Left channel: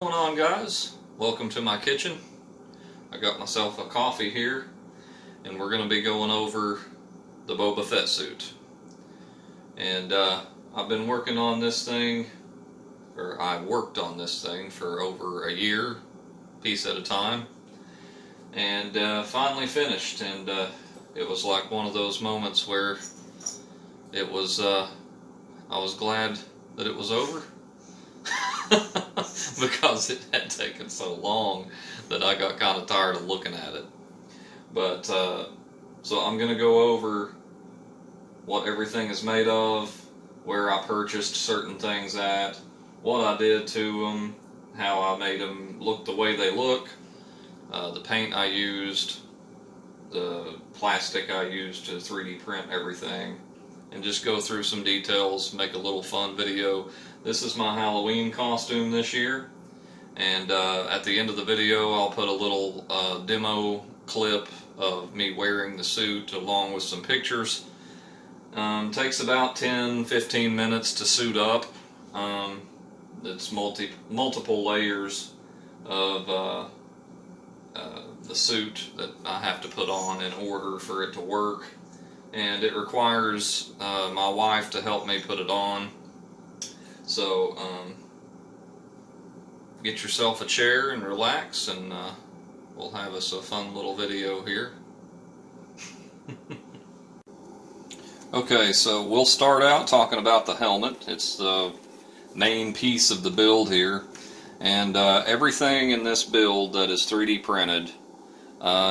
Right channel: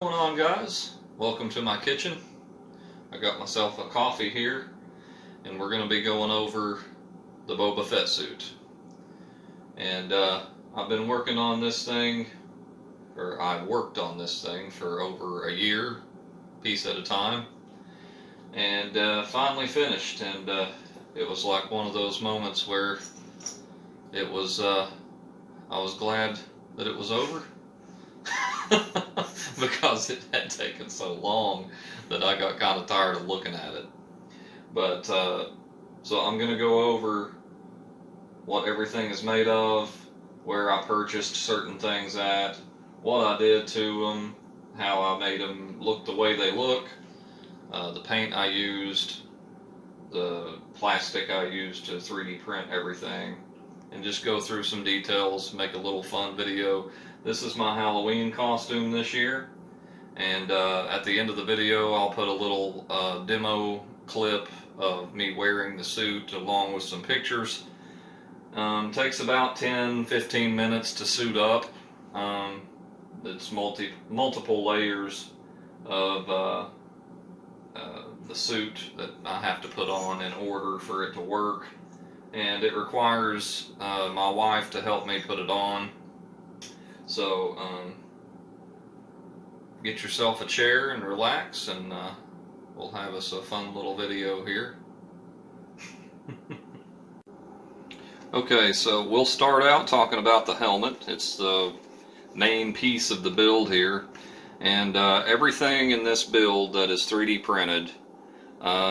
What's going on, guys? Welcome to my kitchen. I got myself a coffee here, and we're going to be going over the Boba Fett suit. And I've been working on this thing, or I worked on this thing for over a year, piece at a time, and finally finished. And it was like one of those moments where it was, I was glad that it was over. Because it had taken so long that I got kind of tired of looking at it. But so I'm going to go over what everything is made of, where I purchased certain things at, what I did to them, how I made them look the way they look, the paint I used, the plastic I used to 3D print everything, and just go through some details, make a little fun video. This is my Halloween costume this year, and at the end of the video I'll put a little demo clip of me wearing the suit along with some pictures. Takes about 10-15 minutes to suit up. It's multiple layers of the suit that I have to put on in order for it to work, and it requires my wife to help me put it on. So get yourself a chair and relax, and we'll have us a fun little video here. Okay, so we'll start out talking about the helmet. It's the main piece of the build here, and everything in this build that is 3D printed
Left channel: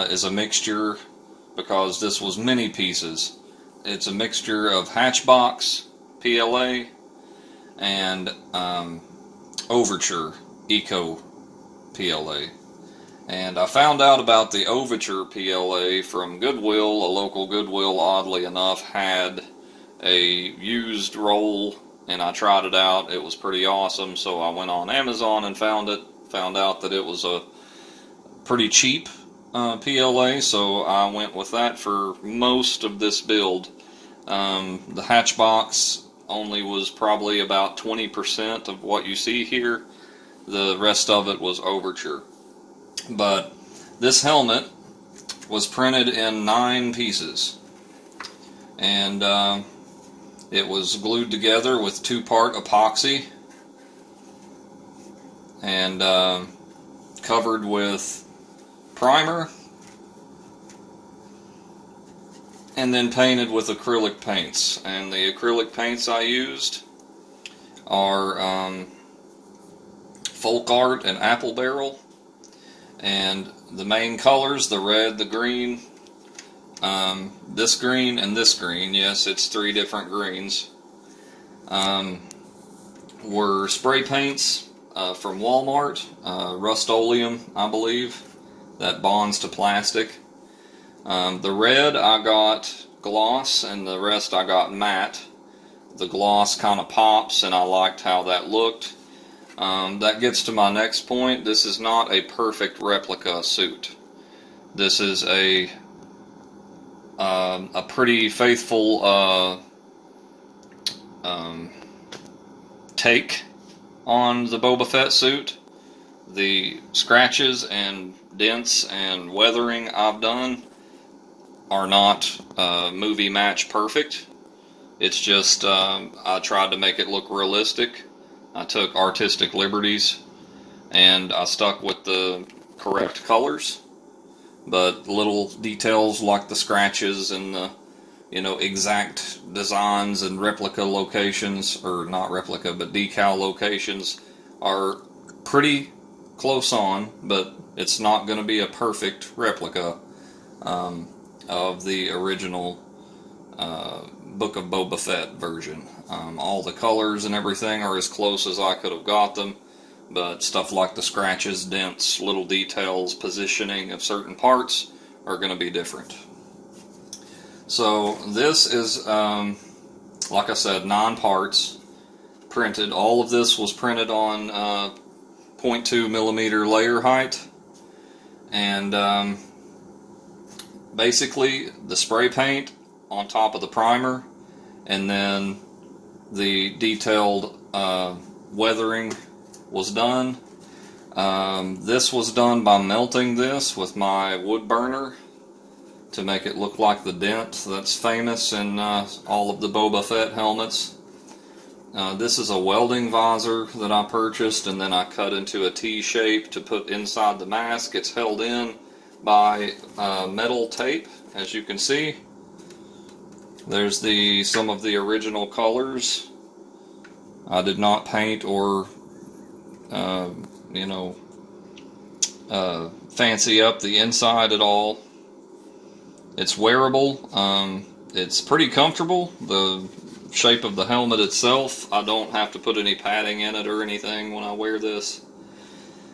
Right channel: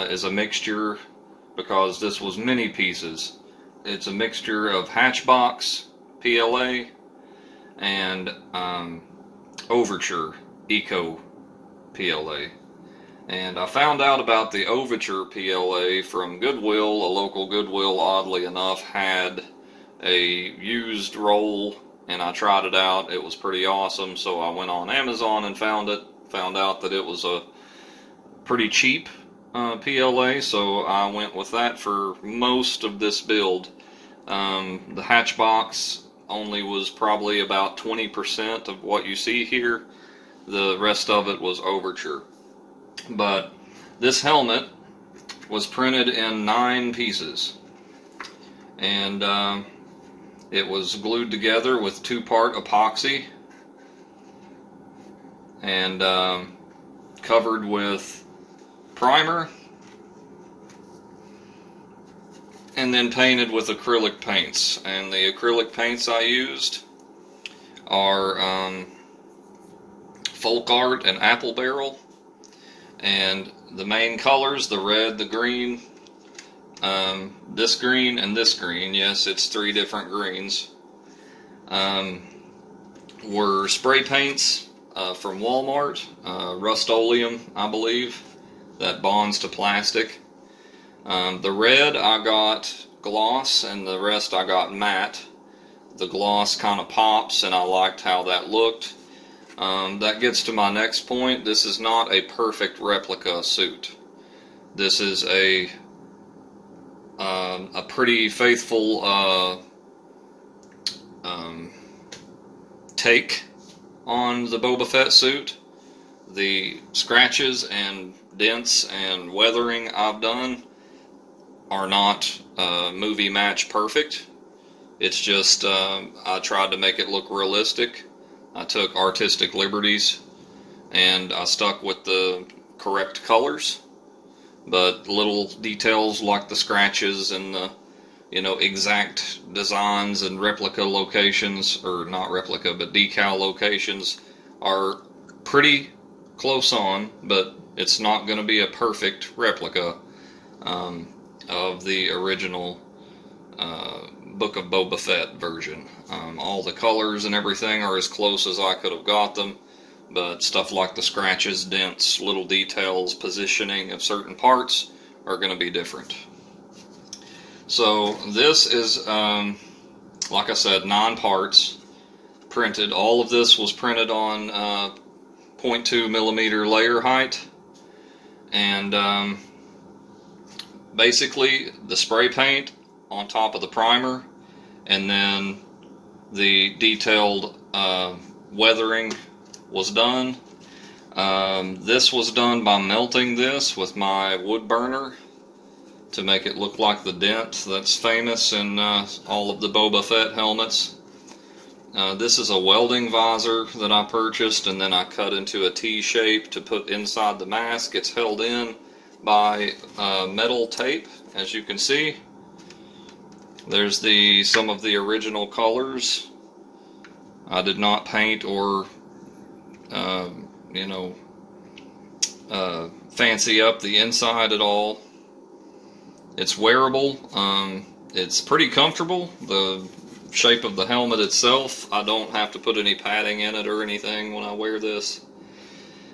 is a mixture, because this was many pieces. It's a mixture of Hatchbox PLA and Overture Eco PLA. And I found out about the Overture PLA from Goodwill. A local Goodwill, oddly enough, had a used roll, and I tried it out. It was pretty awesome, so I went on Amazon and found it. Found out that it was a pretty cheap PLA, so I went with that for most of this build. The Hatchbox only was probably about 20% of what you see here. The rest of it was Overture. But this helmet was printed in 9 pieces, and it was glued together with 2-part epoxy and covered with primer, and then painted with acrylic paints. And the acrylic paints I used are Folk Art and Apple Barrel. And the main colors, the red, the green, this green, and this green, yes, it's 3 different greens, were spray paints from Walmart, Rust-Oleum, I believe, that bonds to plastic. The red I got gloss, and the rest I got matte. The gloss kind of pops, and I liked how that looked. That gets to my next point. This is not a perfect replica suit. This is a pretty faithful take on the Boba Fett suit. The scratches and dents and weathering I've done are not movie match perfect. It's just I tried to make it look realistic. I took artistic liberties, and I stuck with the correct colors, but little details like the scratches and the exact designs and replica locations, or not replica but decal locations, are pretty close on, but it's not going to be a perfect replica of the original Book of Boba Fett version. All the colors and everything are as close as I could have got them, but stuff like the scratches, dents, little details, positioning of certain parts are going to be different. So this is, like I said, 9 parts printed. All of this was printed on 0.2 millimeter layer height, and basically the spray paint on top of the primer, and then the detailed weathering was done. This was done by melting this with my wood burner to make it look like the dent that's famous in all of the Boba Fett helmets. This is a welding visor that I purchased, and then I cut into a T shape to put inside the mask. It's held in by metal tape, as you can see. There's some of the original colors. I did not paint or fancy up the inside at all. It's wearable. It's pretty comfortable. The shape of the helmet itself, I don't have to put any padding in it or anything when I wear this.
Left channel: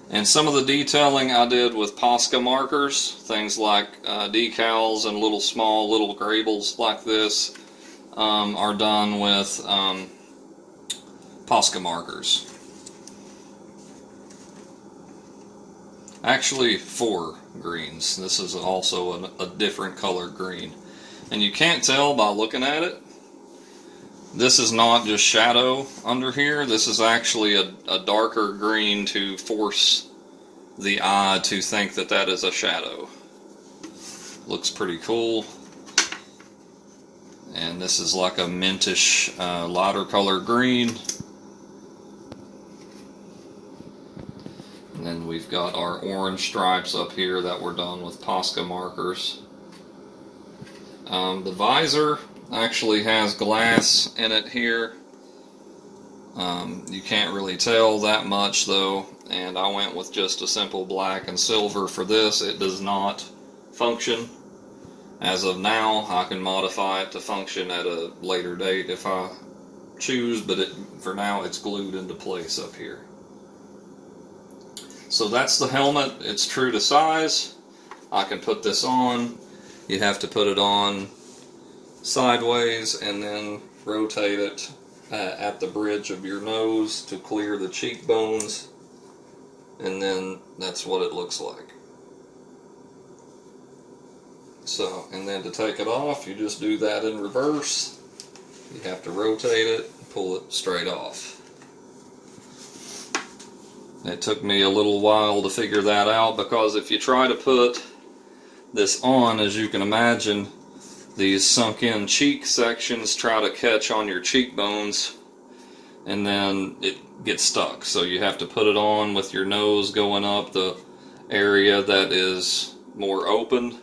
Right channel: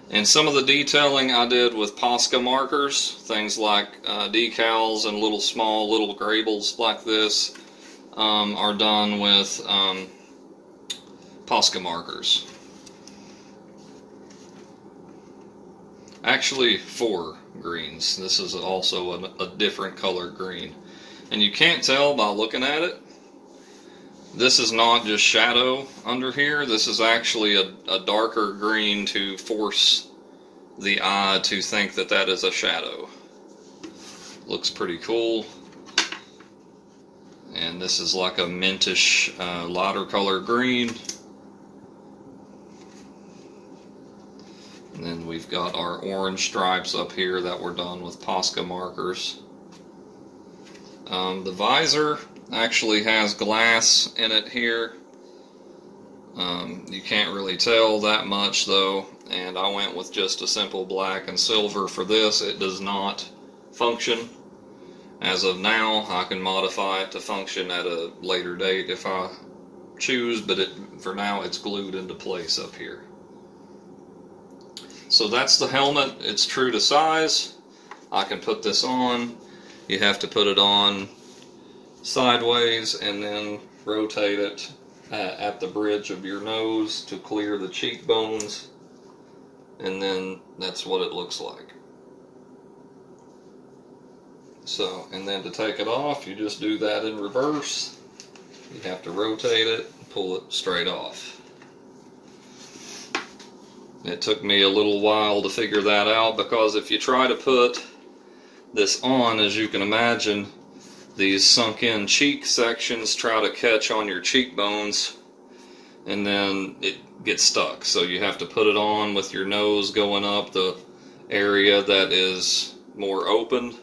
And some of the detailing I did with Posca markers, things like decals and little grabbles like this, are done with Posca markers. Actually, 4 greens. This is also a different color green. And you can't tell by looking at it. This is not just shadow under here. This is actually a darker green to force the eye to think that that is a shadow. Looks pretty cool. And this is like a mintish, lighter color green. And then we've got our orange stripes up here that were done with Posca markers. The visor actually has glass in it here. You can't really tell that much though, and I went with just a simple black and silver for this. It does not function. As of now, I can modify it to function at a later date if I choose, but for now it's glued into place up here. So that's the helmet. It's true to size. I can put this on. You have to put it on sideways and then rotate it at the bridge of your nose to clear the cheekbones, and then that's what it looks like. So, and then to take it off, you just do that in reverse. You have to rotate it and pull it straight off. It took me a little while to figure that out, because if you try to put this on, as you can imagine, these sunk in cheek sections try to catch on your cheekbones, and then it gets stuck. So you have to put it on with your nose going up the area that is more open,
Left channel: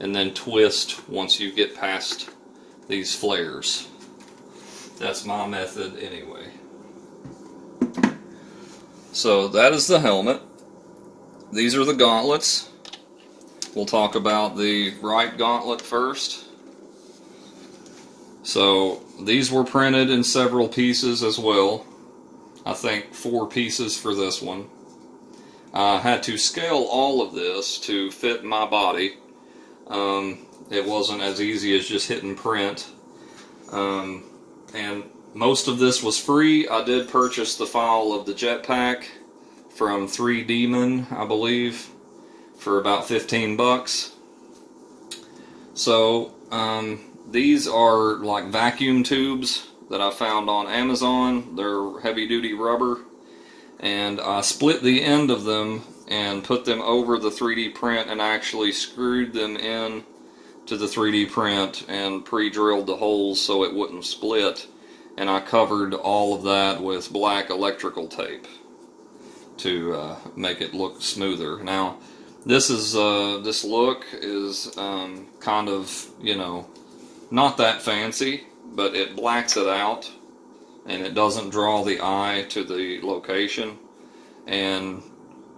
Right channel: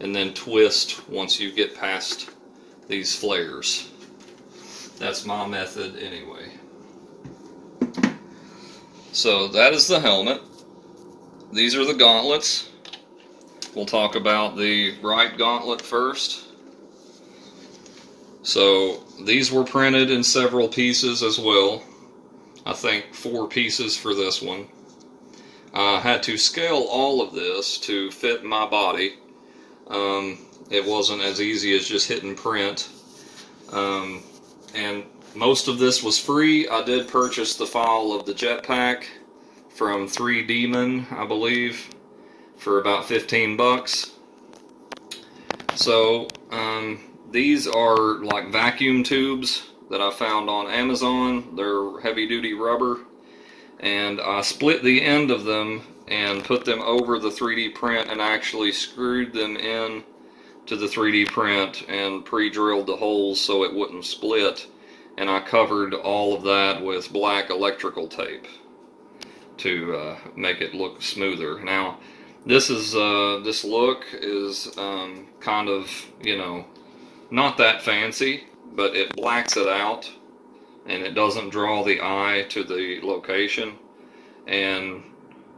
and then twist once you get past these flares. That's my method anyway. So that is the helmet. These are the gauntlets. We'll talk about the right gauntlet first. So these were printed in several pieces as well. I think 4 pieces for this one. I had to scale all of this to fit my body. It wasn't as easy as just hitting print. And most of this was free. I did purchase the file of the jetpack from 3Demon, I believe, for about 15 bucks. So, these are like vacuum tubes that I found on Amazon. They're heavy duty rubber, and I split the end of them and put them over the 3D print and actually screwed them in to the 3D print and pre-drilled the holes so it wouldn't split. And I covered all of that with black electrical tape to make it look smoother. Now, this look is kind of, not that fancy, but it blacks it out, and it doesn't draw the eye to the location. And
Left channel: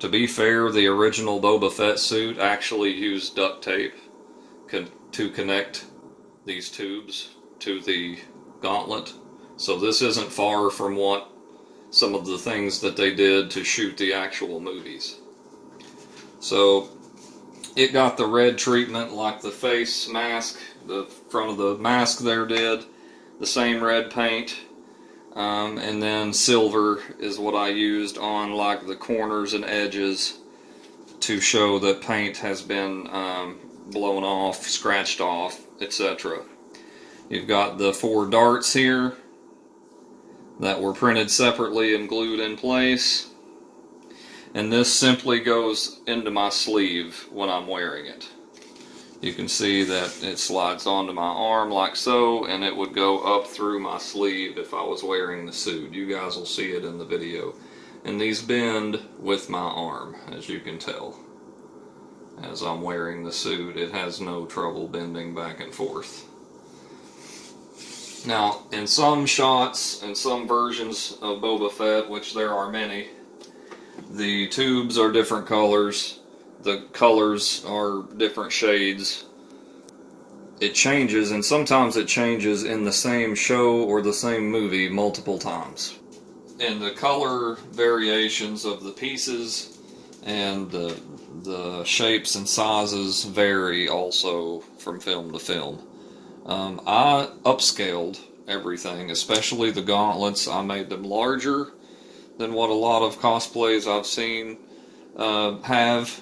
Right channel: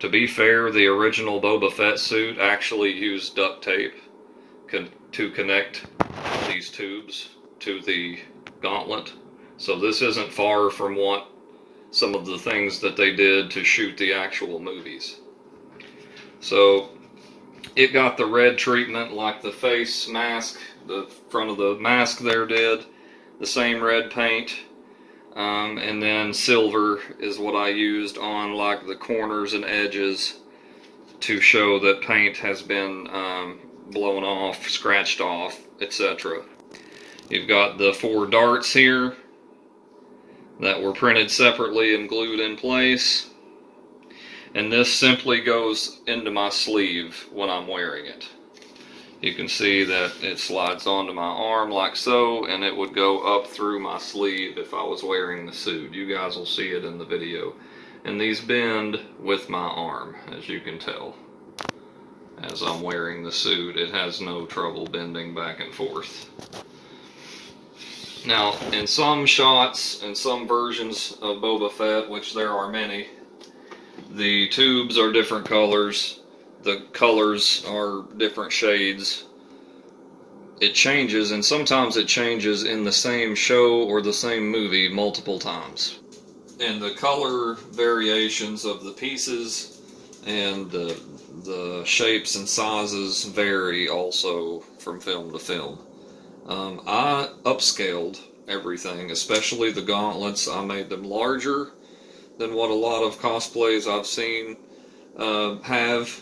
to be fair, the original Boba Fett suit actually used duct tape to connect these tubes to the gauntlet. So this isn't far from what some of the things that they did to shoot the actual movies. So it got the red treatment like the face mask, the front of the mask there did, the same red paint, and then silver is what I used on like the corners and edges to show that paint has been blown off, scratched off, etc. You've got the 4 darts here that were printed separately and glued in place. And this simply goes into my sleeve when I'm wearing it. You can see that it slides onto my arm like so, and it would go up through my sleeve if I was wearing the suit. You guys will see it in the video. And these bend with my arm, as you can tell. As I'm wearing the suit, it has no trouble bending back and forth. Now, in some shots and some versions of Boba Fett, which there are many, the tubes are different colors. The colors are different shades. It changes, and sometimes it changes in the same show or the same movie multiple times. And the color variations of the pieces and the shapes and sizes vary also from film to film. I upscaled everything, especially the gauntlets. I made them larger than what a lot of cosplays I've seen have,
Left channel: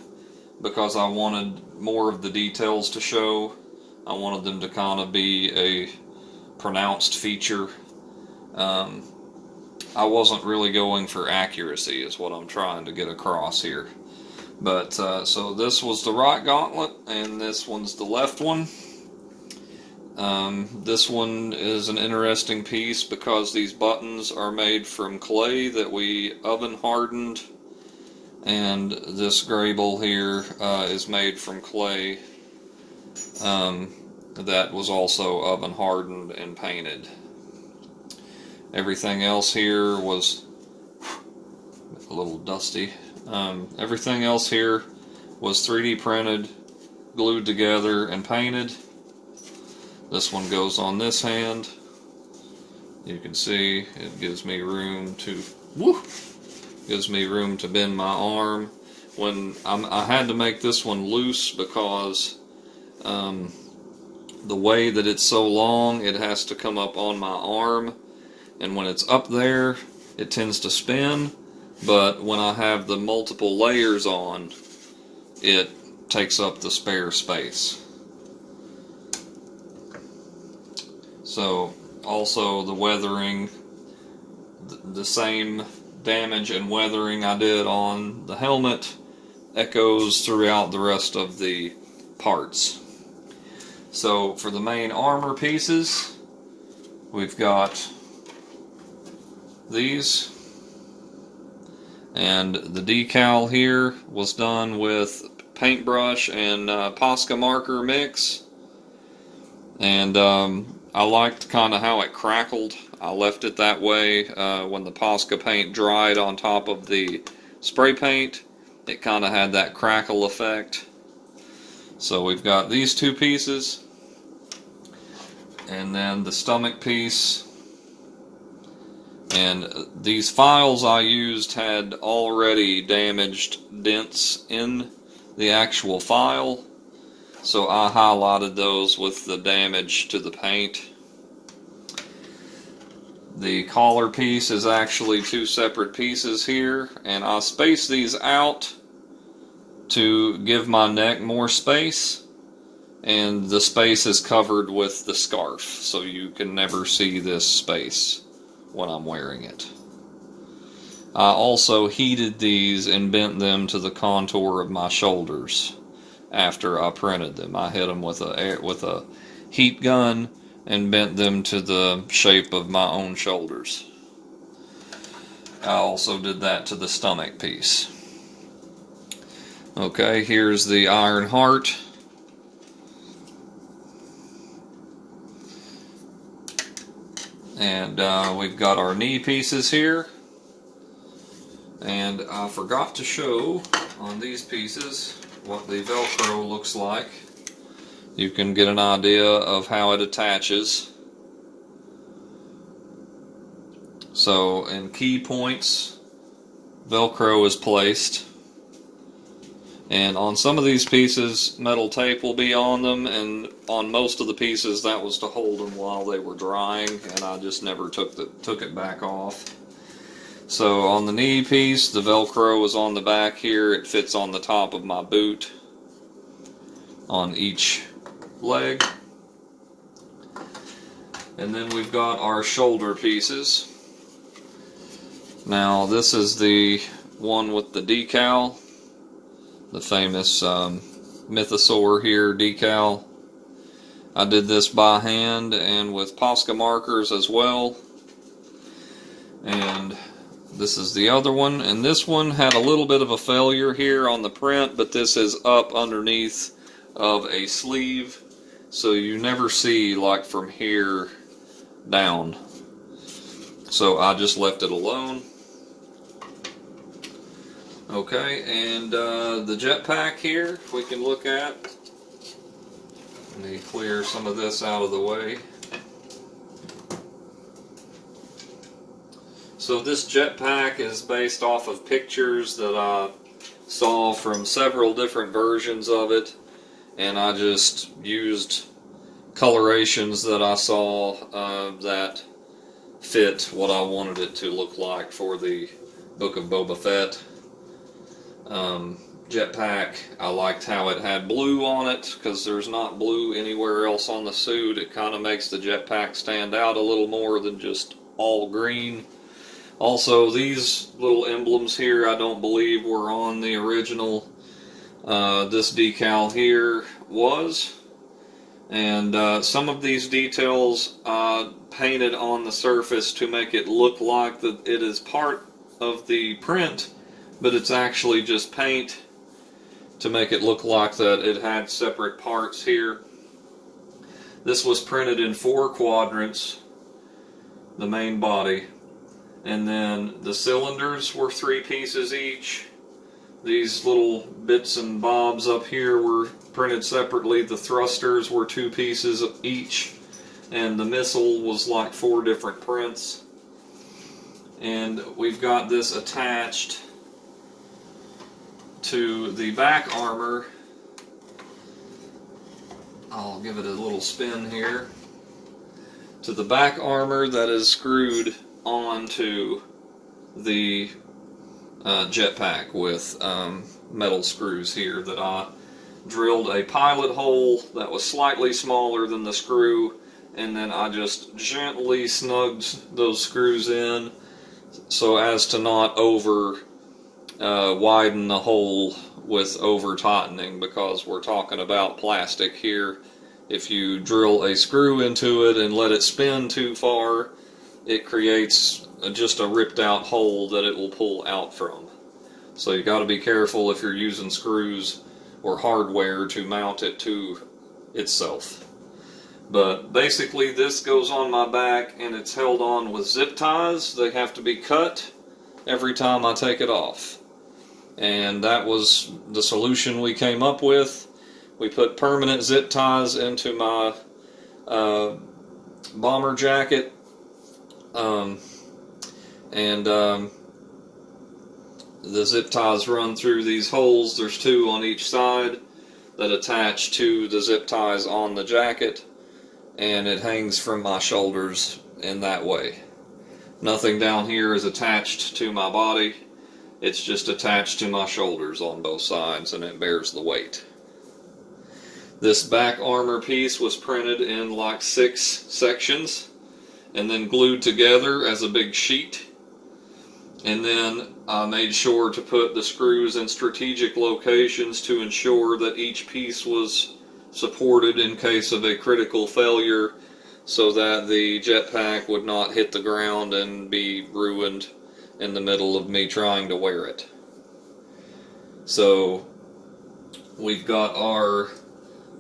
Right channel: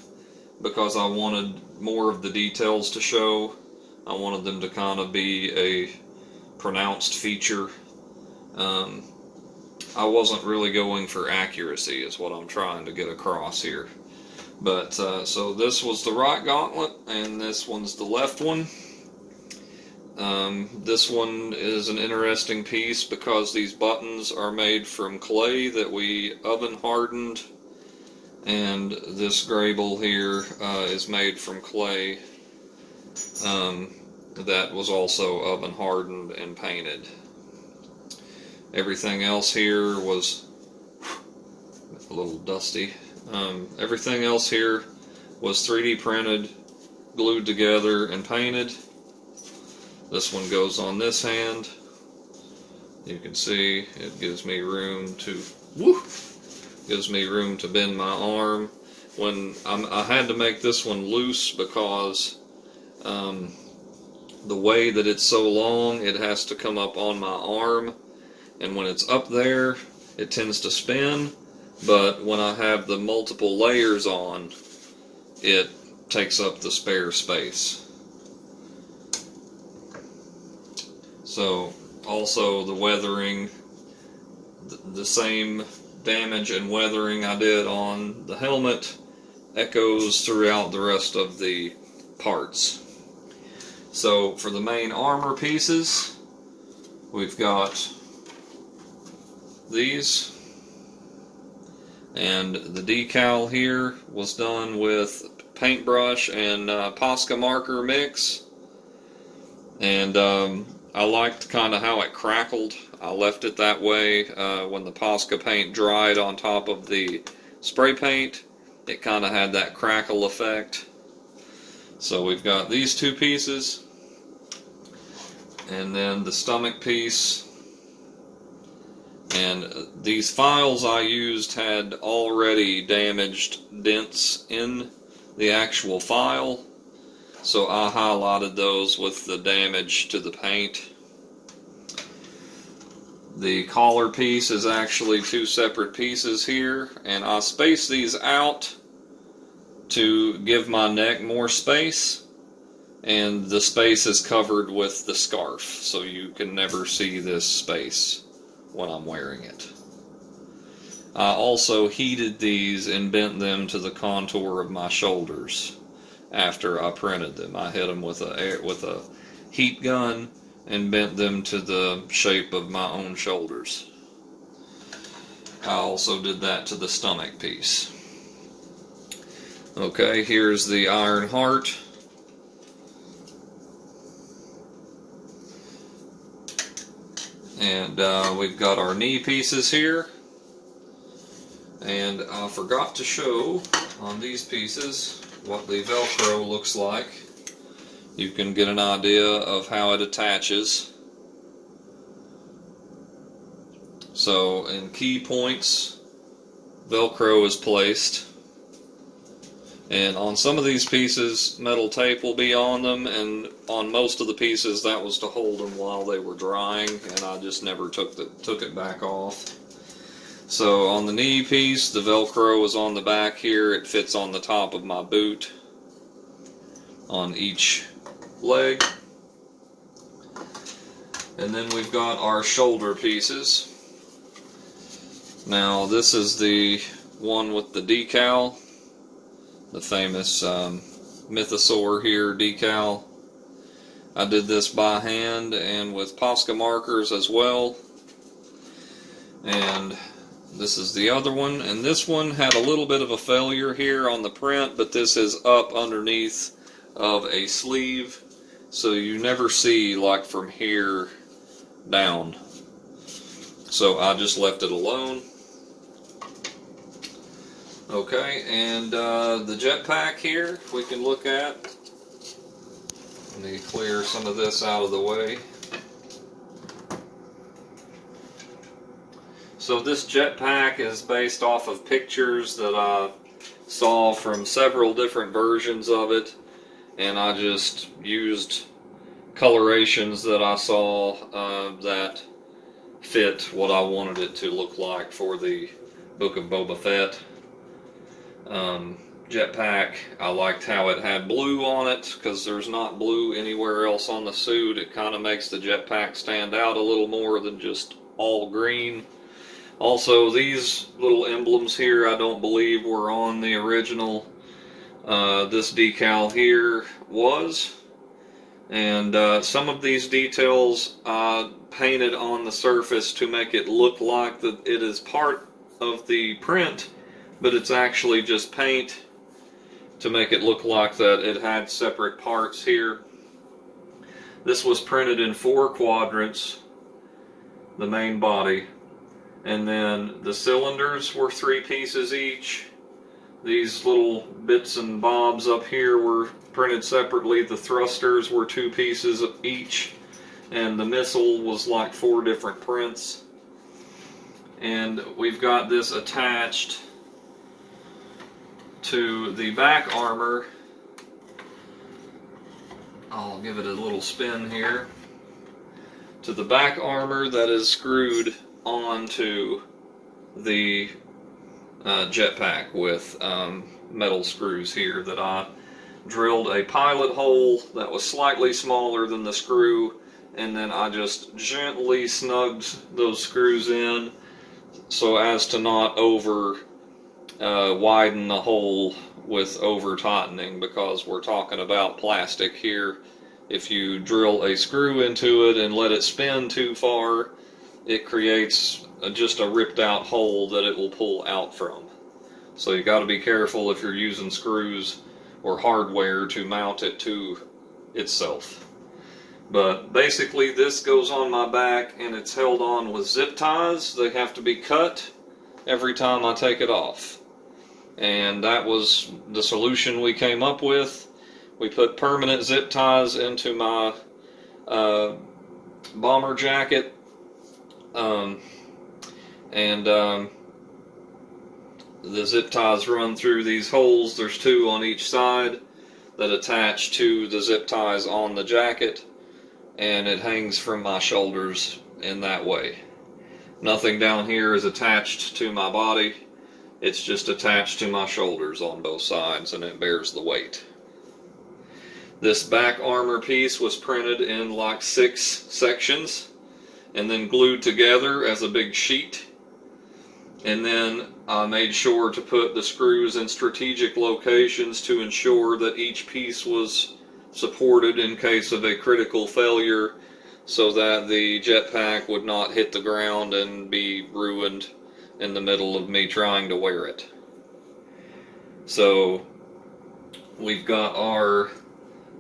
because I wanted more of the details to show. I wanted them to kind of be a pronounced feature. I wasn't really going for accuracy is what I'm trying to get across here. But so this was the right gauntlet, and this one's the left one. This one is an interesting piece because these buttons are made from clay that we oven hardened, and this grable here is made from clay that was also oven hardened and painted. Everything else here was a little dusty. Everything else here was 3D printed, glued together, and painted. This one goes on this hand. You can see it gives me room to bend my arm. When I had to make this one loose because the way that it's so long, it has to come up on my arm, and when it's up there, it tends to spin. But when I have the multiple layers on, it takes up the spare space. So also the weathering, the same damage and weathering I did on the helmet echoes throughout the rest of the parts. So for the main armor pieces, we've got these, and the decal here was done with paintbrush and Posca marker mix, and I liked kind of how it crackled. I left it that way. When the Posca paint dried on top of the spray paint, it kind of had that crackle effect. So we've got these two pieces, and then the stomach piece. And these files I used had already damaged dents in the actual file, so I highlighted those with the damage to the paint. The collar piece is actually two separate pieces here, and I spaced these out to give my neck more space, and the space is covered with the scarf, so you can never see this space when I'm wearing it. I also heated these and bent them to the contour of my shoulders after I printed them. I hit them with a heat gun and bent them to the shape of my own shoulders. I also did that to the stomach piece. Okay, here's the Iron Heart. And we've got our knee pieces here. And I forgot to show on these pieces what the Velcro looks like. You can get an idea of how it attaches. So in key points, Velcro is placed. And on some of these pieces, metal tape will be on them, and on most of the pieces that was to hold them while they were drying, and I just never took it back off. So on the knee piece, the Velcro is on the back here. It fits on the top of my boot on each leg. And then we've got our shoulder pieces. Now this is the one with the decal, the famous Mythosaur here decal. I did this by hand and with Posca markers as well. And this is the other one, and this one had a little bit of a failure here on the print, but this is up underneath of a sleeve, so you never see like from here down. So I just left it alone. Okay, and the jetpack here we can look at. Let me clear some of this out of the way. So this jetpack is based off of pictures that I saw from several different versions of it, and I just used colorations that I saw that fit what I wanted it to look like for the Book of Boba Fett. Jetpack, I liked how it had blue on it, because there's not blue anywhere else on the suit. It kind of makes the jetpack stand out a little more than just all green. Also, these little emblems here I don't believe were on the original. This decal here was. And some of these details I painted on the surface to make it look like that it is part of the print, but it's actually just paint to make it look like that it had separate parts here. This was printed in 4 quadrants, the main body. And then the cylinders were 3 pieces each. These little bits and bobs up here were printed separately. The thrusters were 2 pieces each. And the missile was like 4 different prints. And we've got this attached to the back armor. I'll give it a little spin here. To the back armor that is screwed onto the jetpack with metal screws here that I drilled a pilot hole that was slightly smaller than the screw, and then I just gently snugged those screws in so as to not over widen the hole with over tightening, because we're talking about plastic here. If you drill a screw into it and let it spin too far, it creates just a ripped out hole that it will pull out from. So you got to be careful if you're using screws or hardware to mount it to itself. But basically this goes on my back and it's held on with zip ties. They have to be cut every time I take it off. And that was the solution we came up with. We put permanent zip ties into my bomber jacket. The zip ties run through these holes. There's 2 on each side that attach to the zip ties on the jacket, and it hangs from my shoulders in that way. Nothing down here is attached to my body. It's just attached to my shoulders on both sides, and it bears the weight. This back armor piece was printed in like 6 sections and then glued together as a big sheet. And then I made sure to put the screws in strategic locations to ensure that each piece was supported in case of a critical failure, so that the jetpack would not hit the ground and be ruined in the middle of me trying to wear it. So we've got our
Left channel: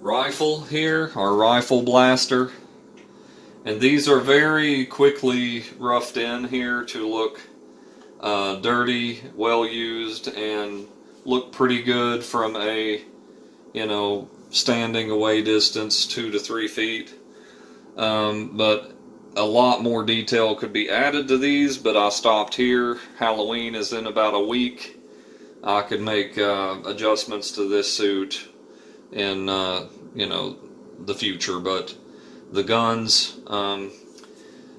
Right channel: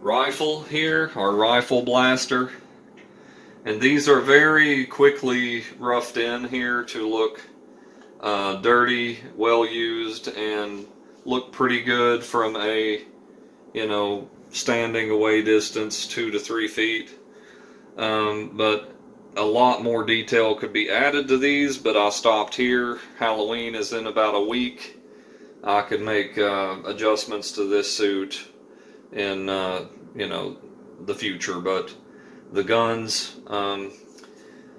rifle here, our rifle blaster, and these are very quickly roughed in here to look dirty, well used, and look pretty good from a, standing away distance, 2 to 3 feet. But a lot more detail could be added to these, but I stopped here. Halloween is in about a week. I could make adjustments to this suit in the future. But the guns,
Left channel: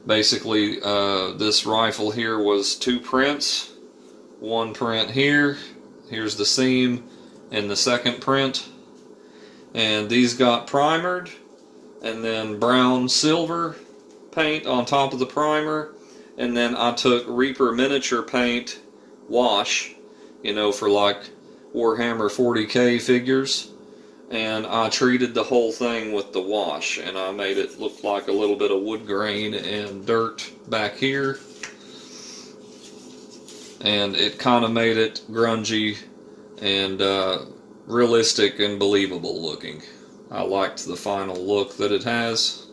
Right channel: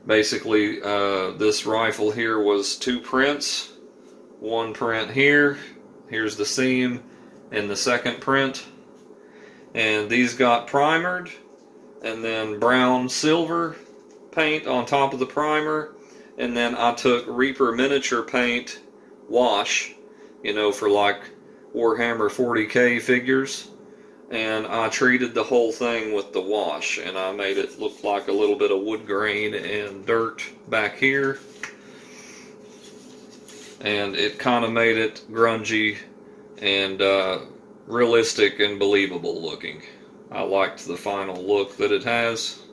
basically this rifle here was 2 prints. 1 print here, here's the seam in the 2nd print, and these got primered, and then brown silver paint on top of the primer, and then I took Reaper miniature paint wash you know, for like Warhammer 40K figures. And I treated the whole thing with the wash, and I made it look like a little bit of wood grain and dirt back here. And it kind of made it grungy and realistic and believable looking. I liked the final look that it has.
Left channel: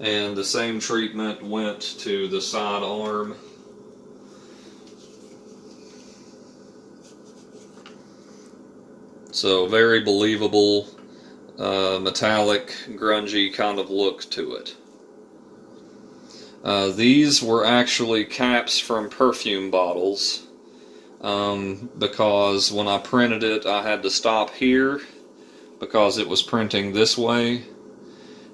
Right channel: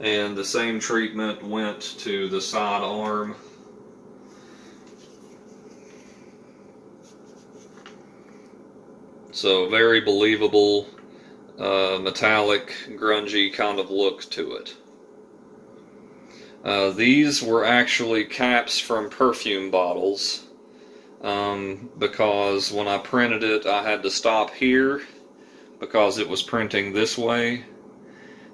And the same treatment went to the side arm. So very believable, metallic, grungy kind of look to it. These were actually caps from perfume bottles, because when I printed it, I had to stop here because it was printing this way,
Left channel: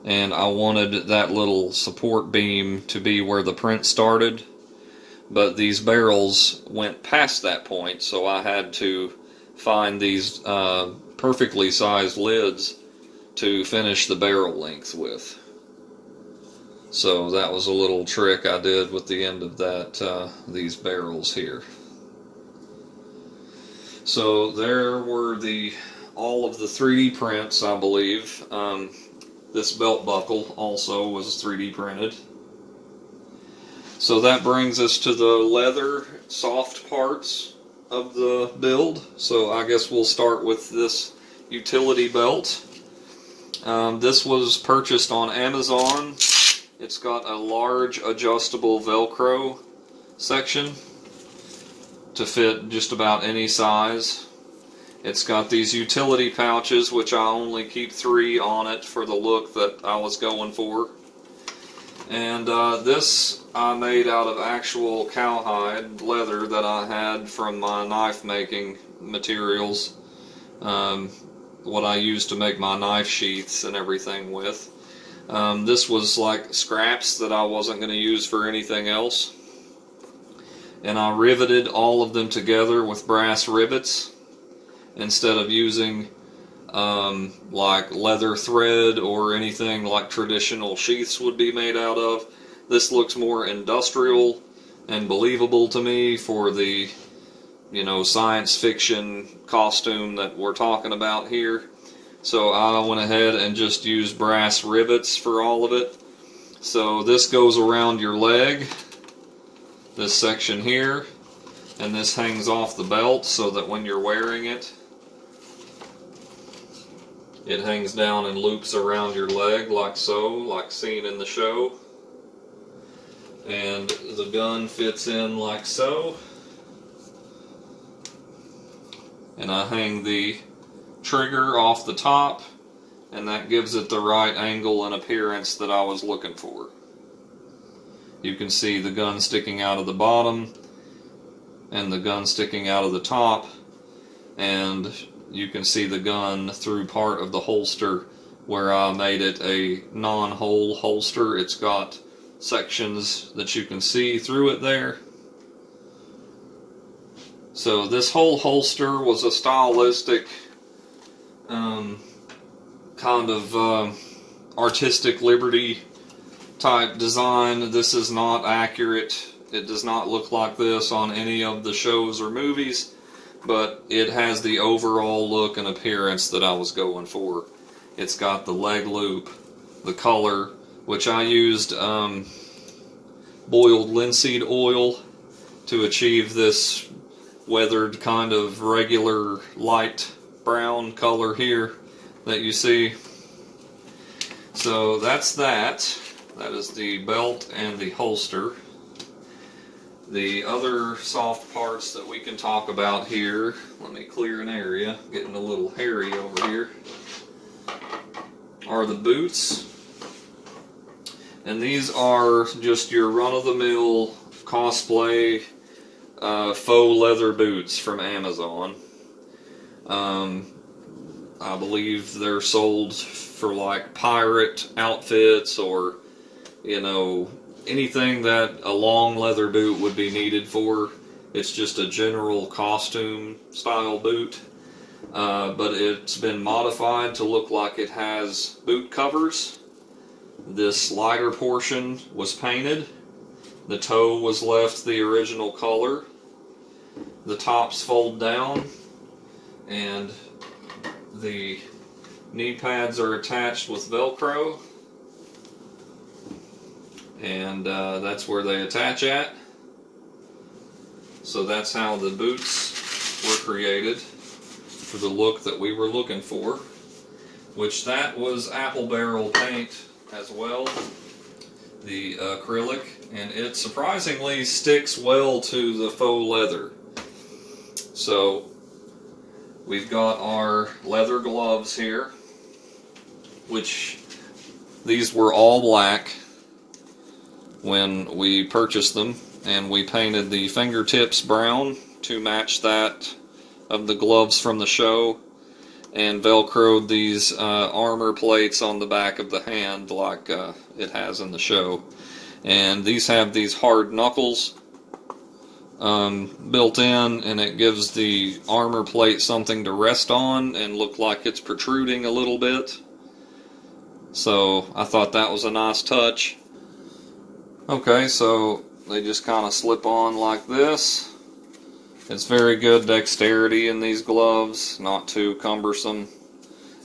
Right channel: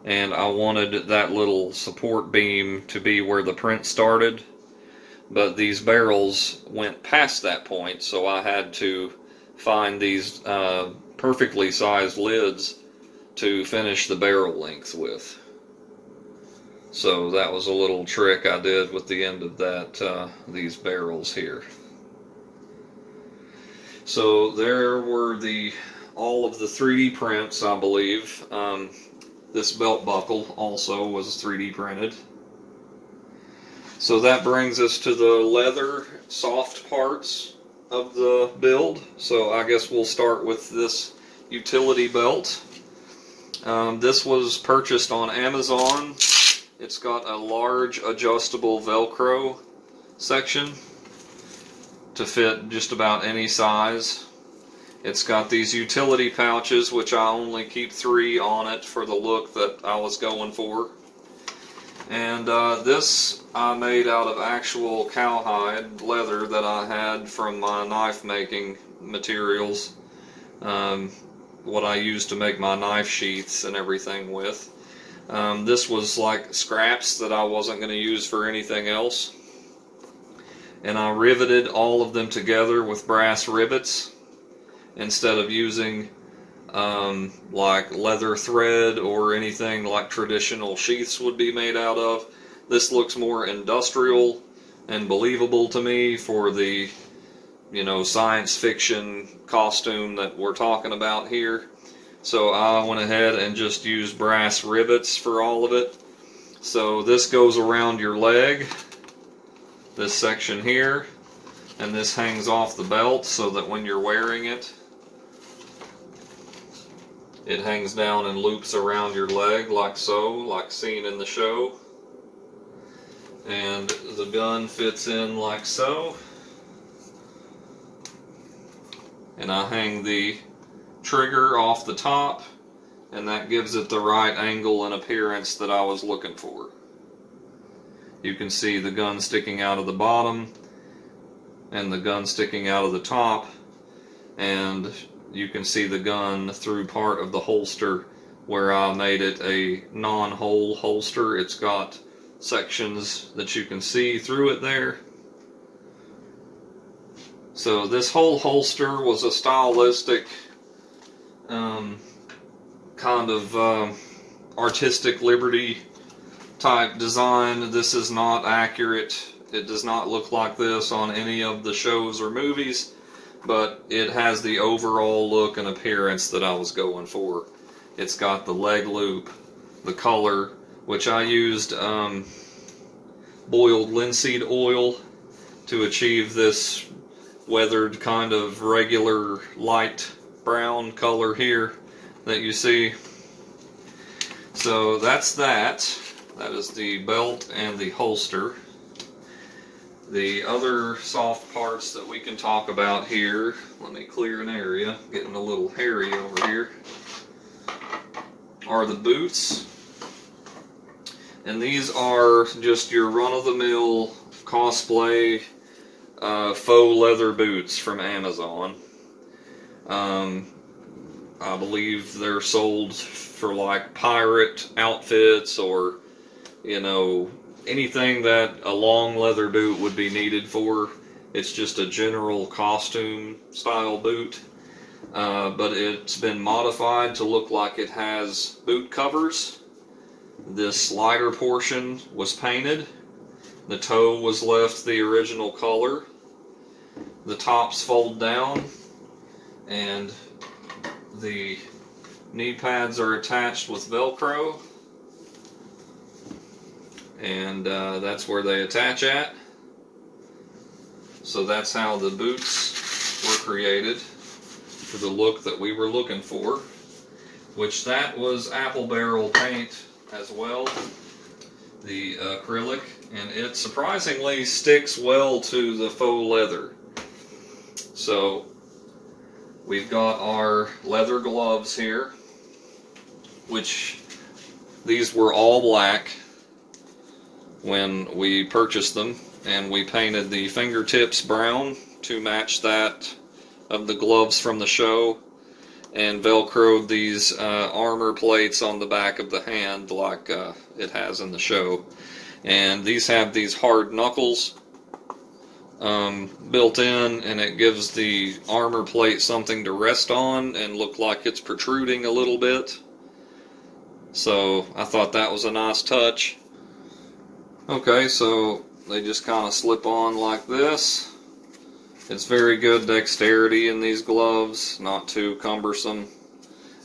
and I wanted that little support beam to be where the print started, but these barrels went past that point, so I had to find these perfectly sized lids to finish the barrel length with. So that was a little trick I did with the end of that, these barrels here. So there were all of the 3D prints, I believe. This belt buckle also was 3D printed. So that brings us to the leather soft parts of the build. So I guess we'll start with this utility belt. This was purchased on Amazon. It's got a large adjustable Velcro section to fit just about any size. It's got these utility pouches, which I only keep 3 on it for the look that I was going for. And this I made out of actual cowhide leather that I had from my knife making materials. What I used to make my knife sheaths and everything with. This was like scraps that I wasn't going to use for anything else. And I riveted all of them together with brass rivets instead of using like leather thread or anything like traditional sheaths would be made out of. This looks more industrial and believable to me for the, you know, science fiction costume that we're talking about here. So I went ahead and just used brass rivets for all of it. So this goes around your leg, this section here, and this hangs off the belt so that when you're wearing it, it hangs down and loops around your leg like so, like seen in the show. And the gun fits in like so. And I hang the trigger off the top, and that gives it the right angle and appearance that I was looking for. You can see the gun sticking out of the bottom and the gun sticking out of the top, and you can see the gun through part of the holster where I made it a non-hole holster. It's got sections that you can see through it there. So this whole holster was a stylistic kind of artistic liberty type design. This is not accurate. It does not look like this on any of the shows or movies, but it has the overall look and appearance that I was going for. It's got the leg loop, the color, which I used boiled linseed oil to achieve this weathered kind of regular light brown color here that you see. So that's that. That is the belt and the holster. The other soft parts that we can talk about here, let me clear an area, getting a little hairy over here, are the boots. And these are just your run-of-the-mill cosplay faux leather boots from Amazon. I believe they're sold for like pirate outfits or, you know, anything that a long leather boot would be needed for. It's just a general costume style boot, but it's been modified to look like it has boot covers. This slider portion was painted. The toe was left the original color. the tops fold down, and the knee pads are attached with Velcro, and that's where they attach at. So that's how the boots were created for the look that we were looking for, which that was apple barrel paint as well, the acrylic, and it surprisingly sticks well to the faux leather. So we've got our leather gloves here, which these were all black when we purchased them, and we painted the fingertips brown to match that of the gloves from the show, and velcroed these armor plates on the back of the hand like it has in the show. And these have these hard knuckles built in, and it gives the armor plate something to rest on and look like it's protruding a little bit. So I thought that was a nice touch. Okay, so they just kind of slip on like this. It's very good dexterity in these gloves, not too cumbersome.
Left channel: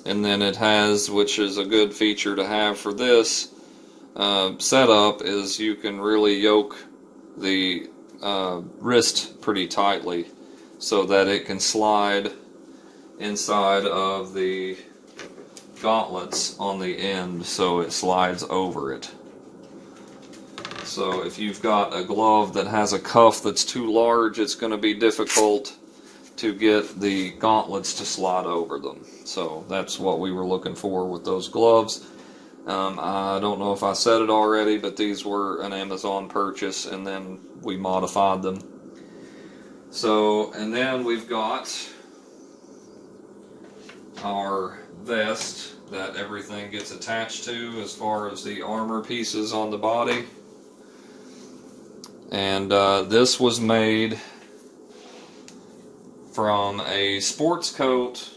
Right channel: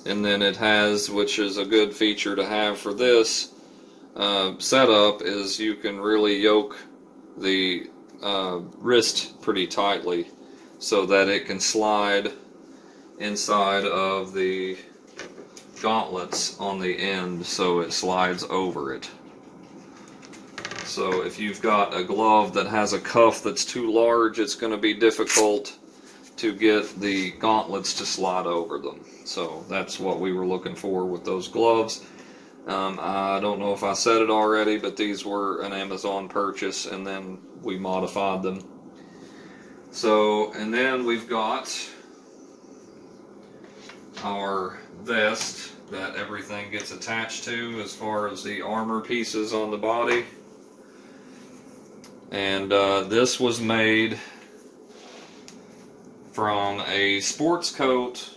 And then it has, which is a good feature to have for this setup, is you can really yoke the wrist pretty tightly so that it can slide inside of the gauntlets on the end, so it slides over it. So if you've got a glove that has a cuff that's too large, it's going to be difficult to get the gauntlets to slide over them. So that's what we were looking for with those gloves. I don't know if I said it already, but these were an Amazon purchase, and then we modified them. So, and then we've got our vest that everything gets attached to as far as the armor pieces on the body. And this was made from a sports coat,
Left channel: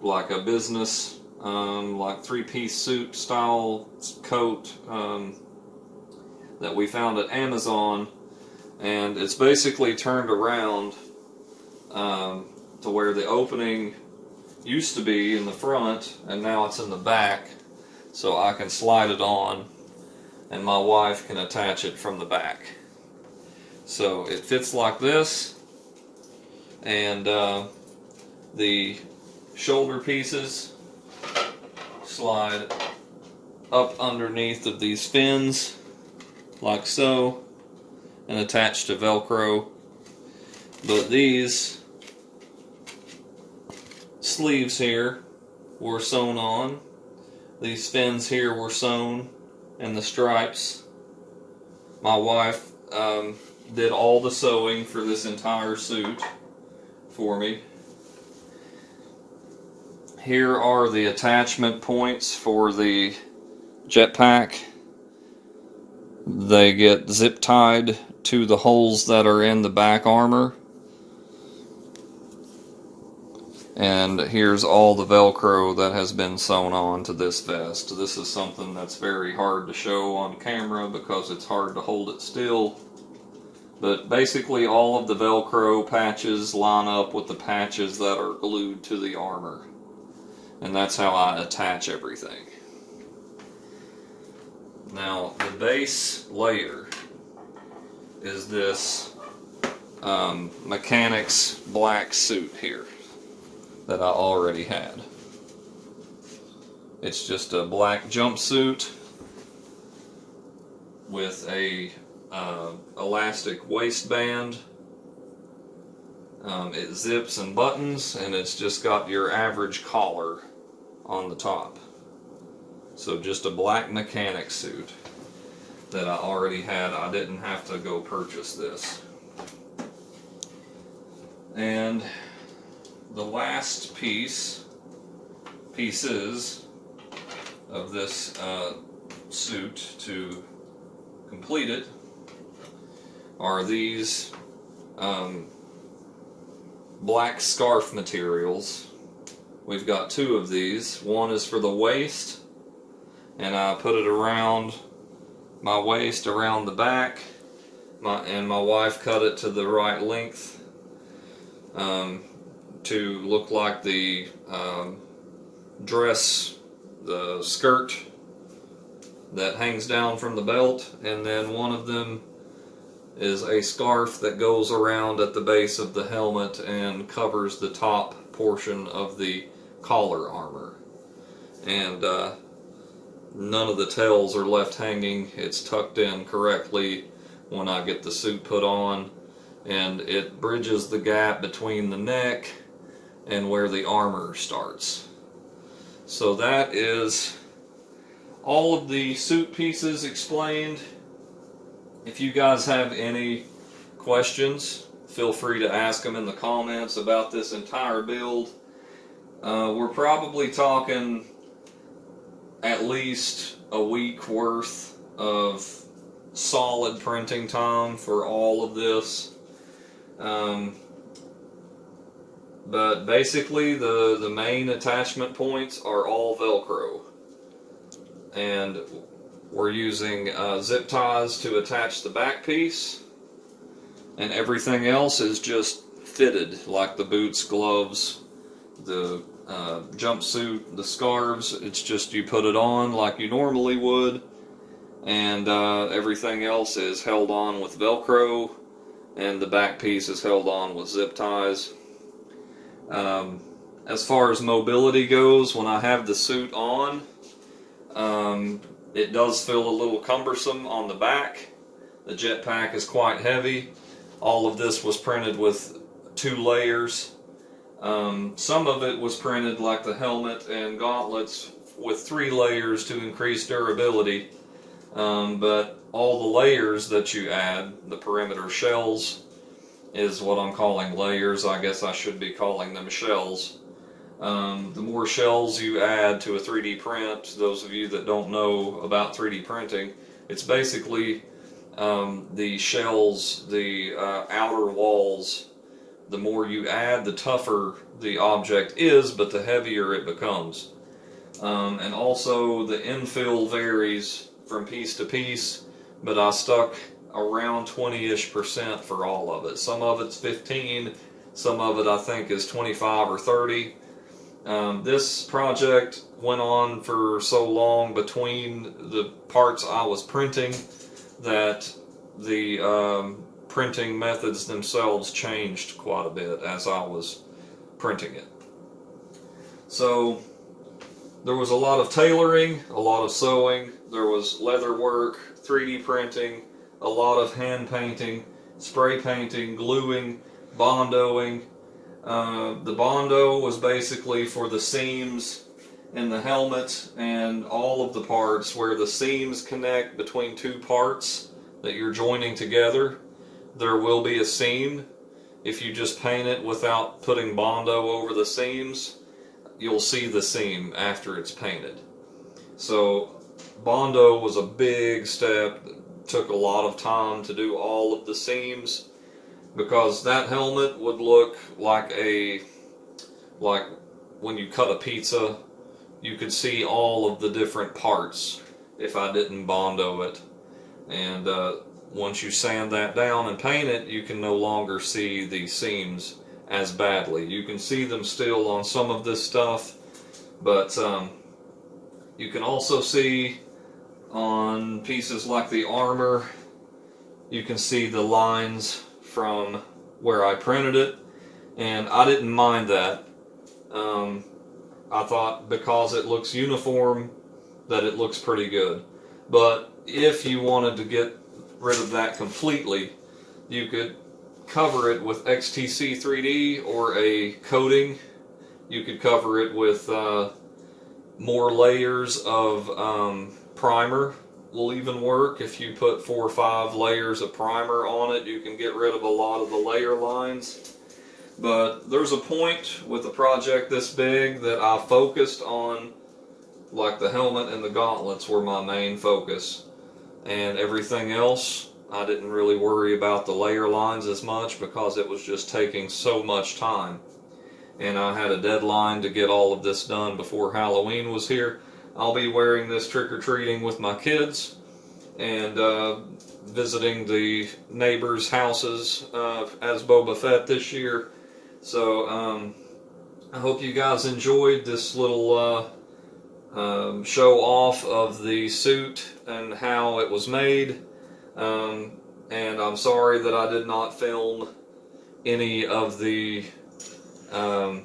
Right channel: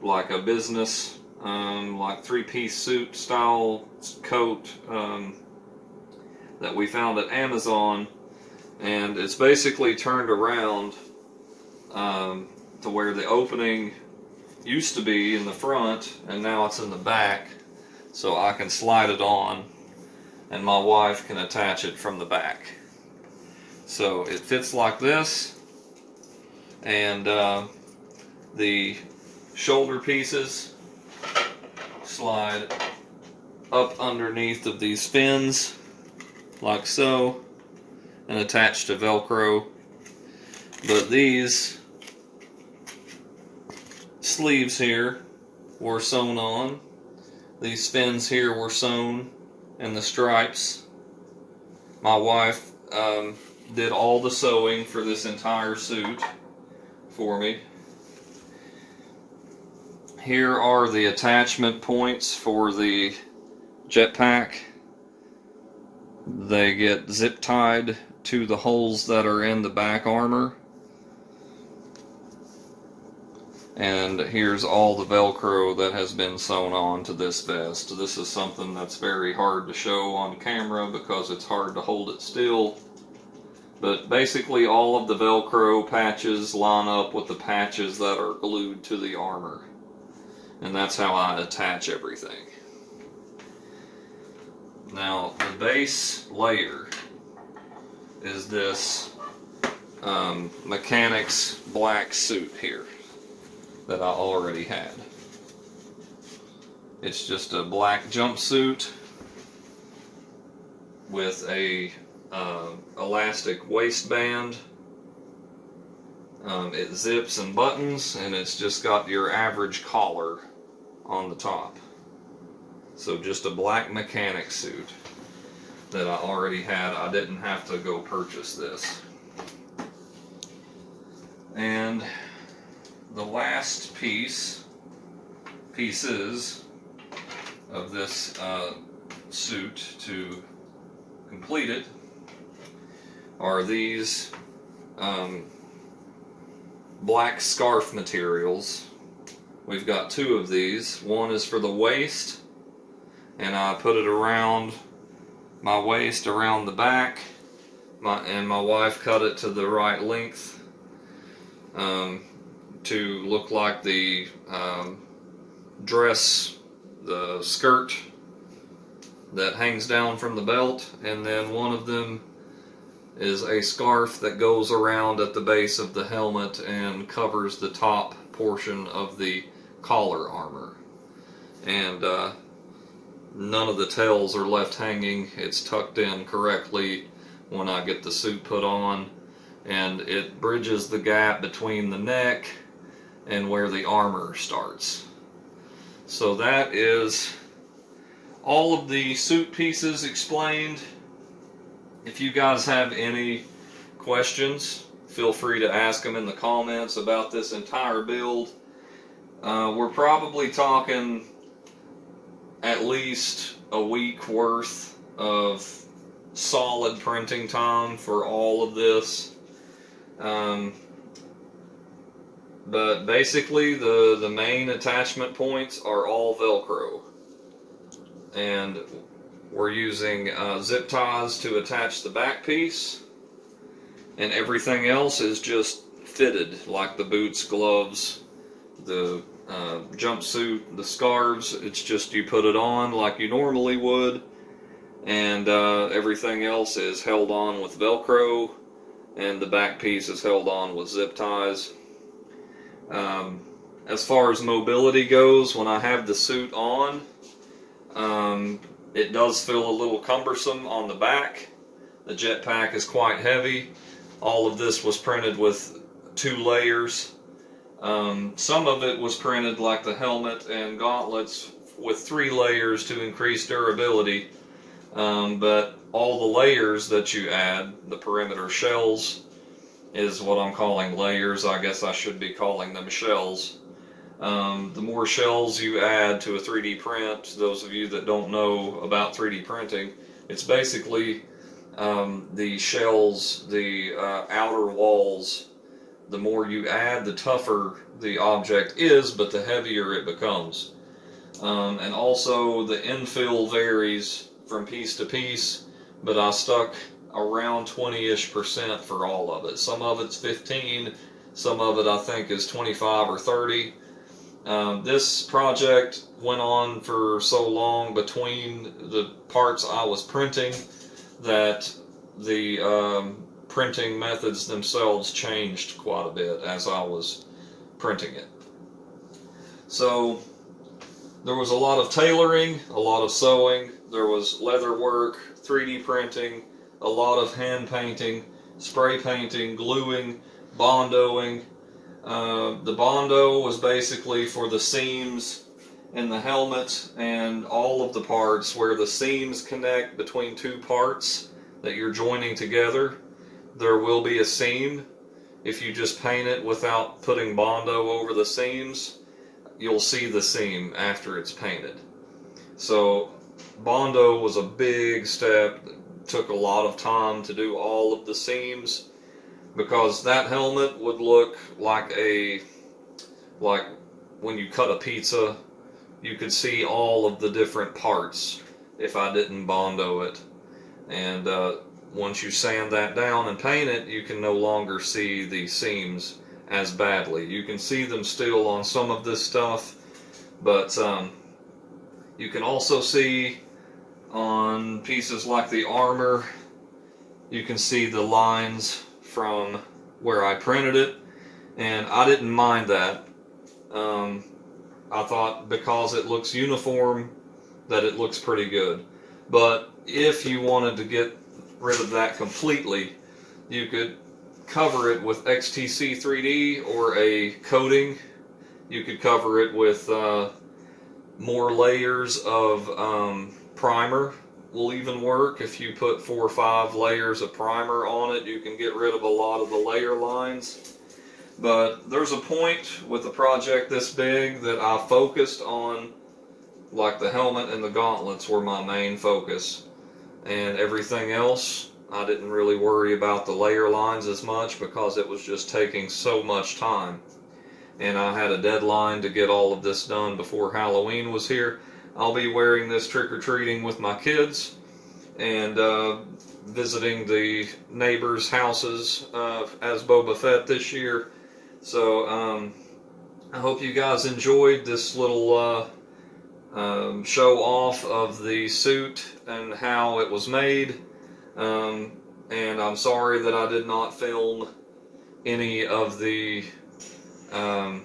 like a business, like three-piece suit style coat that we found at Amazon. And it's basically turned around to where the opening used to be in the front, and now it's in the back, so I can slide it on and my wife can attach it from the back. So it fits like this, and the shoulder pieces slide up underneath of these fins like so and attach to Velcro. But these sleeves here were sewn on, these fins here were sewn, and the stripes. My wife did all the sewing for this entire suit for me. Here are the attachment points for the jetpack. They get zip tied to the holes that are in the back armor. And here's all the Velcro that has been sewn on to this vest. This is something that's very hard to show on camera because it's hard to hold it still. But basically all of the Velcro patches line up with the patches that are glued to the armor. And that's how I attach everything. Now, the base layer is this mechanic's black suit here that I already had. It's just a black jumpsuit with a elastic waistband. It zips and buttons, and it's just got your average collar on the top. So just a black mechanic suit that I already had. I didn't have to go purchase this. And the last pieces of this suit to complete it are these black scarf materials. We've got two of these. One is for the waist, and I put it around my waist, around the back, and my wife cut it to the right length to look like the dress, the skirt that hangs down from the belt, and then one of them is a scarf that goes around at the base of the helmet and covers the top portion of the collar armor. And none of the tails are left hanging. It's tucked in correctly when I get the suit put on, and it bridges the gap between the neck and where the armor starts. So that is all of the suit pieces explained. If you guys have any questions, feel free to ask them in the comments about this entire build. We're probably talking at least a week worth of solid printing time for all of this. But basically the main attachment points are all Velcro. And we're using zip ties to attach the back piece, and everything else is just fitted, like the boots, gloves, the jumpsuit, the scarves. It's just you put it on like you normally would, and everything else is held on with Velcro, and the back piece is held on with zip ties. As far as mobility goes, when I have the suit on, it does feel a little cumbersome on the back. The jetpack is quite heavy. All of this was printed with 2 layers. Some of it was printed like the helmet and gauntlets with 3 layers to increase durability. But all the layers that you add, the perimeter shells, is what I'm calling layers. I guess I should be calling them shells. The more shells you add to a 3D print, those of you that don't know about 3D printing, it's basically the shells, the outer walls. The more you add, the tougher the object is, but the heavier it becomes. And also the infill varies from piece to piece, but I stuck around 20-ish% for all of it. Some of it's 15, some of it I think is 25 or 30. This project went on for so long between the parts I was printing that the printing methods themselves changed quite a bit as I was printing it. So there was a lot of tailoring, a lot of sewing, there was leather work, 3D printing, a lot of hand painting, spray painting, gluing, bondoing. The Bondo was basically for the seams in the helmet and all of the parts where the seams connect between 2 parts that you're joining together. There will be a seam. If you just paint it without putting Bondo over the seams, you'll see the seam after it's painted. So Bondo was a big step. It took a lot of time to do all of the seams, because that helmet would look like when you cut a pizza, you could see all of the different parts if I didn't Bondo it. And once you sand that down and paint it, you can no longer see the seams as badly. You can see them still on some of this stuff, but you can also see on pieces like the armor, you can see the lines from where I printed it, and I didn't mind that. I thought because it looks uniform that it looks pretty good. But if you wanted to get rid of that completely, you could cover it with XTC 3D or a coating. You could cover it with more layers of primer. Will even work. If you put 4 or 5 layers of primer on it, you can get rid of a lot of the layer lines. But there's a point with a project this big that I focused on, like the helmet and the gauntlets were my main focus, and everything else I didn't really worry about the layer lines as much because it was just taking so much time, and I had a deadline to get all of this done before Halloween was here. I'll be wearing this trick-or-treating with my kids and visiting the neighbors' houses as Boba Fett this year. So I hope you guys enjoyed this little show off of the suit and how it was made. And I'm sorry that I did not film any of the, as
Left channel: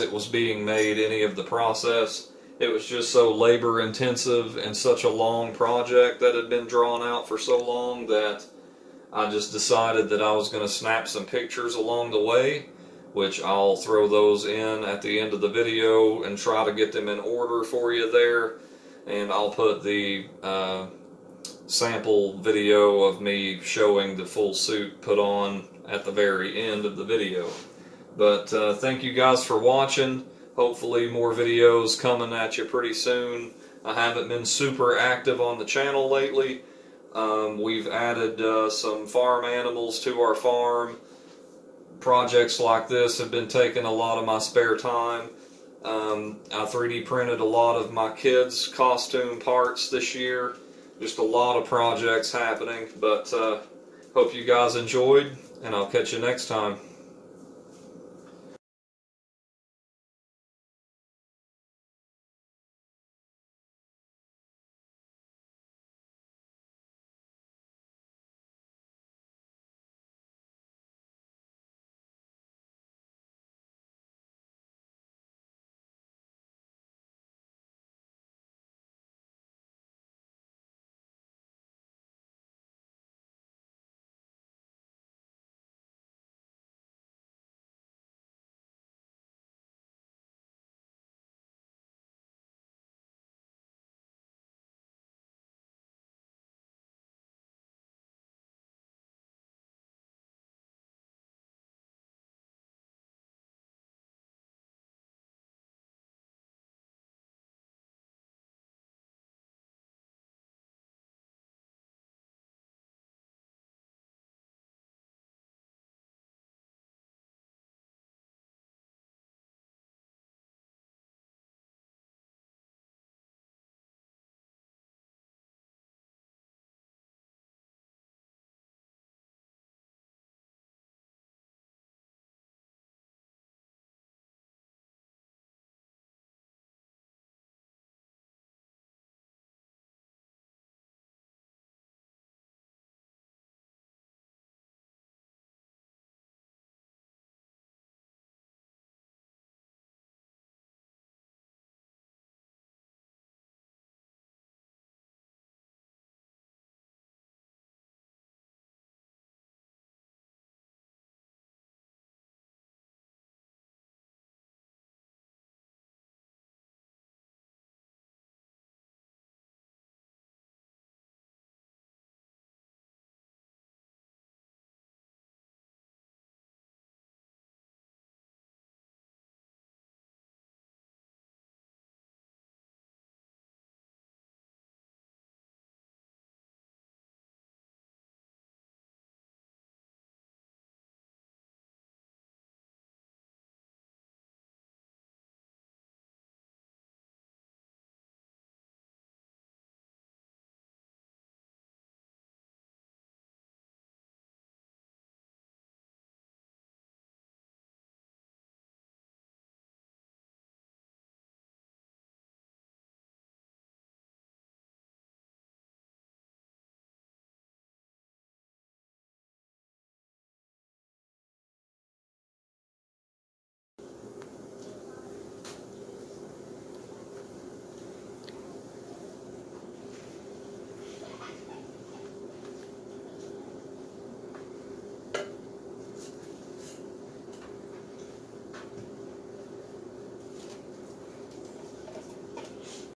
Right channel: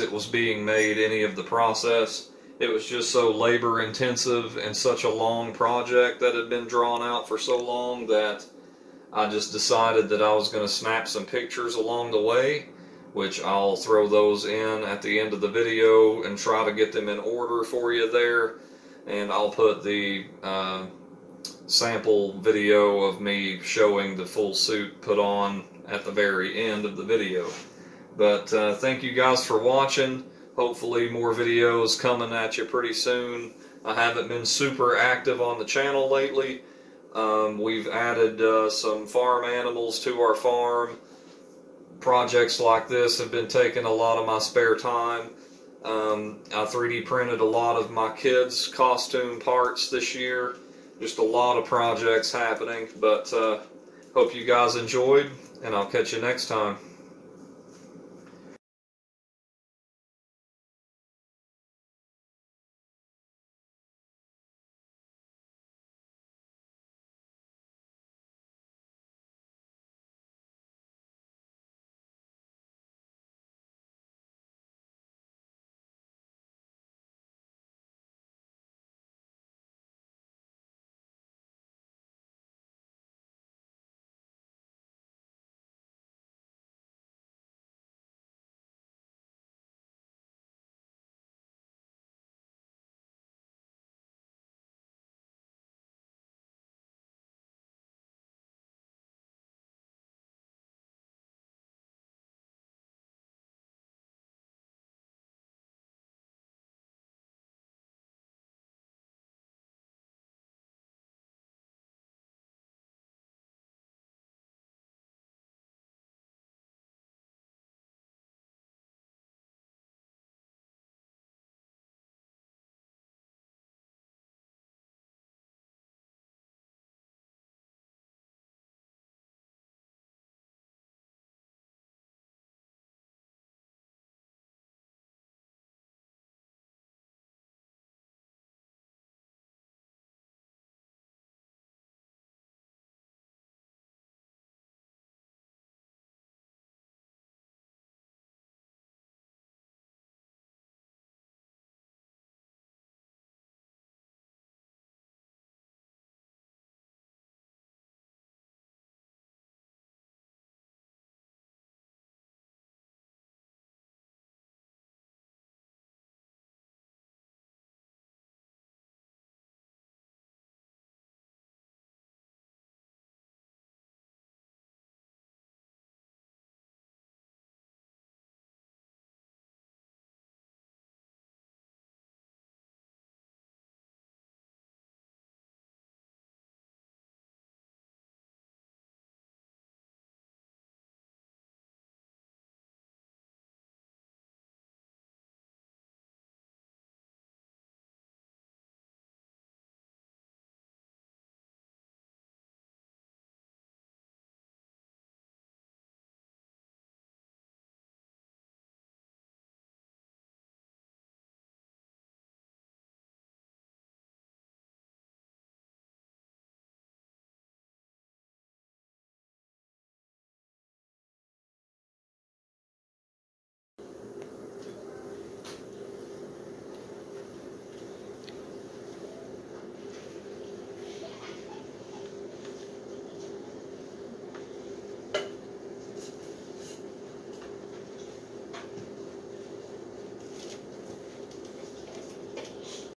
it was being made, any of the process. It was just so labor intensive and such a long project that had been drawn out for so long that I just decided that I was going to snap some pictures along the way, which I'll throw those in at the end of the video and try to get them in order for you there. And I'll put the sample video of me showing the full suit put on at the very end of the video. But thank you guys for watching. Hopefully more videos coming at you pretty soon. I haven't been super active on the channel lately. We've added some farm animals to our farm. Projects like this have been taking a lot of my spare time. I 3D printed a lot of my kids' costume parts this year. Just a lot of projects happening, but hope you guys enjoyed, and I'll catch you next time.